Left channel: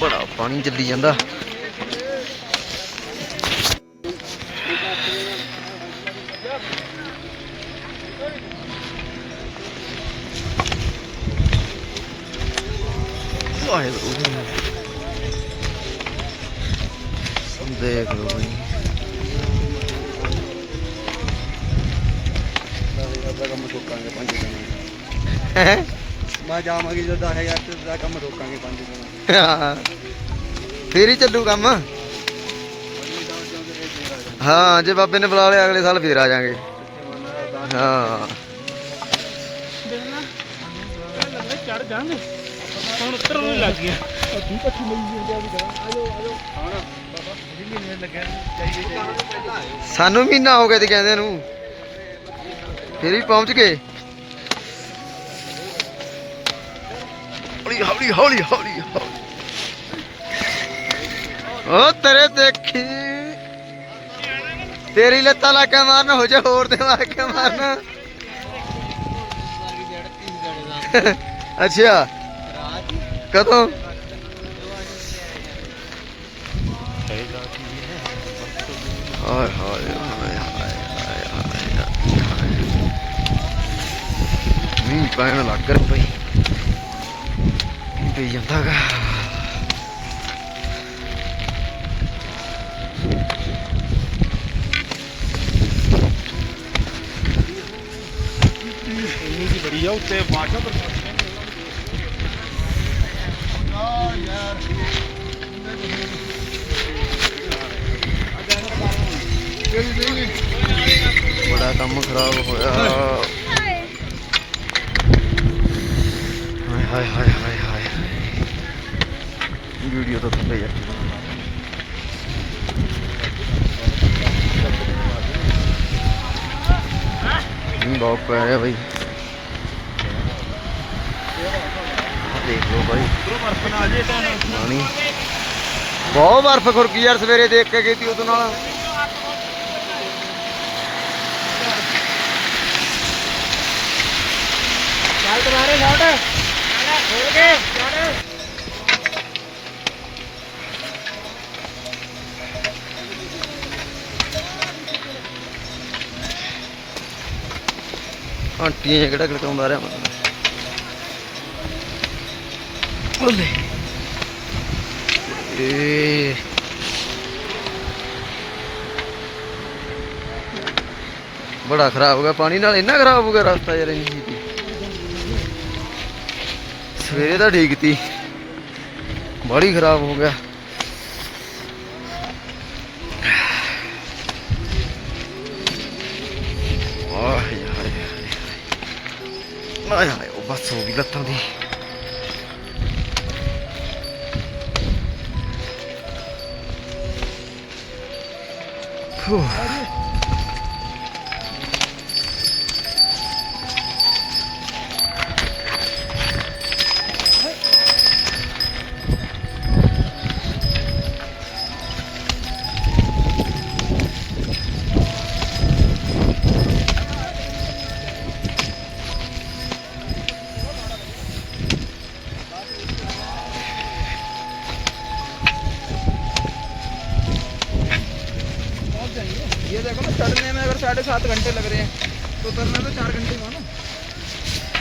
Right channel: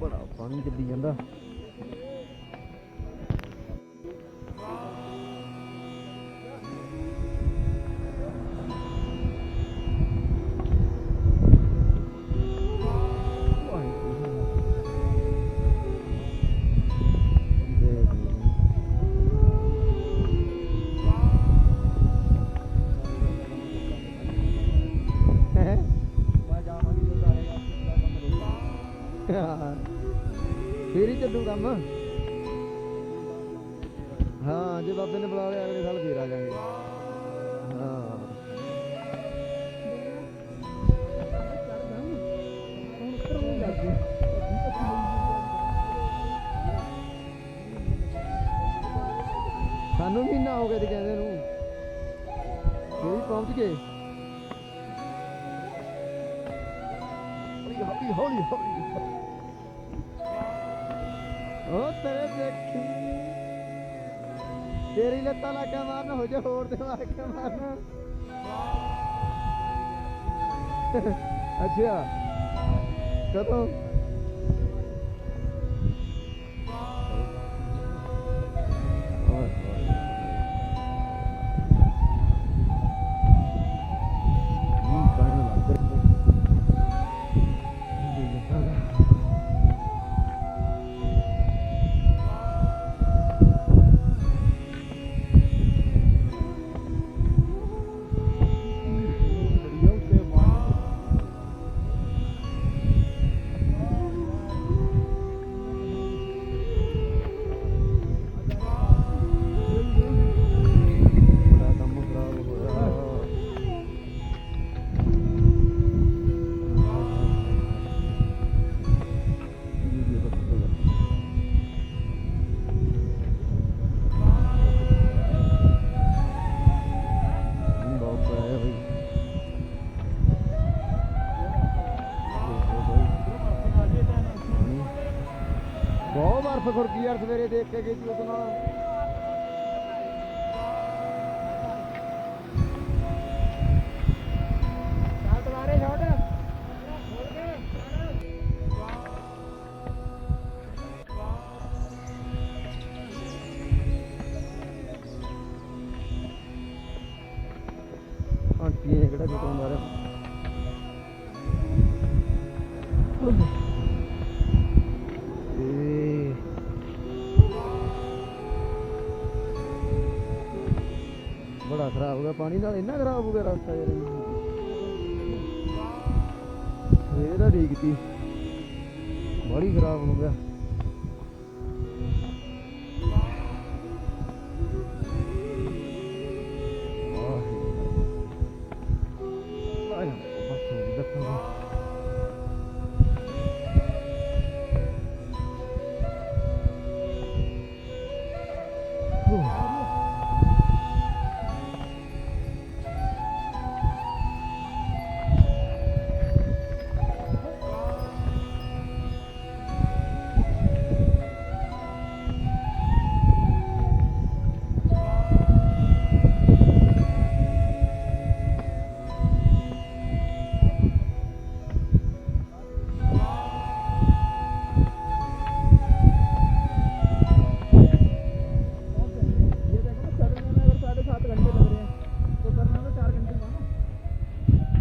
ਬੜਾ ਪਾਣੀ ਚੱਲੀ ਜਾਂਦਾ। ਦੇਖ ਲਓ ਬਈ। ਹੈਂ? ਮੈਂ ਜਾਵਾਂਗੇ ਜਦੋਂ 10000 ਤੇ ਦਾ ਕੰਮ ਰੋਕਾਂਗੇ ਪੰਜ ਹਾਂ। ਫੇਰ ਹੀ ਚੱਲੂ ਕੰਮ? ਹਾਂ ਜੇ ਬਾਬੇ ਨੇ ਬੁਲਾ ਲਿਆ ਅਗਲੇ ਸਾਲ ਫੇਰ ਆ ਜਾਾਂਗੇ। ਹਾਂ। ਚੜ ਜਾਣ ਹੁਣ ਉੱਤਰ ਨੂੰ ਲੱਗ ਗਿਆ ਸਾਨੂੰ ਮਹੀਨਾ ਹੋ ਗਿਆ ਤੇ ਕਹਿੰਦੇ ਨੂੰ। ਫੇਰ ਵੀ ਪਹੁੰਚ ਗਏ? ਹੌਲੀ ਹੌਲੀ ਹੌਲੀ ਹੌਲੀ। ਓ ਤੇਰੇ ਦੇਖੀ। ਤੇਰੀ ਲੱਤਾਂ ਲਾ ਕੇ ਮਾਰਨ, ਹੋ ਜਾ ਹੋਰ ਤੇ ਮਾਰ ਕੇ ਮਾਰਨ। ਅੱਛਾ। ਕਦੋਂ? ਹਾਏ ਹਾਏ ਮੀਂਹ ਪੈਣ ਲੱਗ ਰਿਹਾ ਪਈ ਪਈ ਜਾਂਦਾਗਾ ਬੜੀ ਆ ਉੱਤੇ ਵਾਟਰ ਬੜਾ ਕੰਮ ਖਰਾਬ ਹੋਇਆ ਵੀਡੀਓ ਤਾਂ ਥੱਲੇ ਨਹੀਂ ਬਹੁਤ ਪੈ ਰਿਹਾ ਬਈ। ਦੇਖ ਲਓ ਬਾਈ। ਪਾਣੀ। ਬਹੁਤ ਬਰਫ਼ ਖੁਰਕੀ ਯਾਰ ਸਵੇਰੇ ਦੇਖ ਕੇ ਗਈ ਤੀ ਉਦੋਂ ਨਾਲ। ਆਂਟੀਆਂ ਕਿਹੜਾ ਖੜਕਾਉਂਦਾ ਰਿਹਾ ਬੋਲੇ ਏ। ਬੜਾ ਖਰਾਬ ਹੋ ਗਿਆ, ਪਾਣੀ ਨਾਲ ਇੰਨਾ ਖਰਾਬ ਹੋ ਗਿਆ ਰਸਤਾ ਯਾਰ ਇੰਨੀ ਸਵੇਰੇ ਤਾਂ ਠੀਕ ਤੀ। ਬੜੀ ਖਰਾਬ ਹੋ ਗਿਆ। まあやばいお罰帯だったのにふう。साढ़े सात घंटे लग रहे हैं तो उतरना तो चार घंटे हुआ ना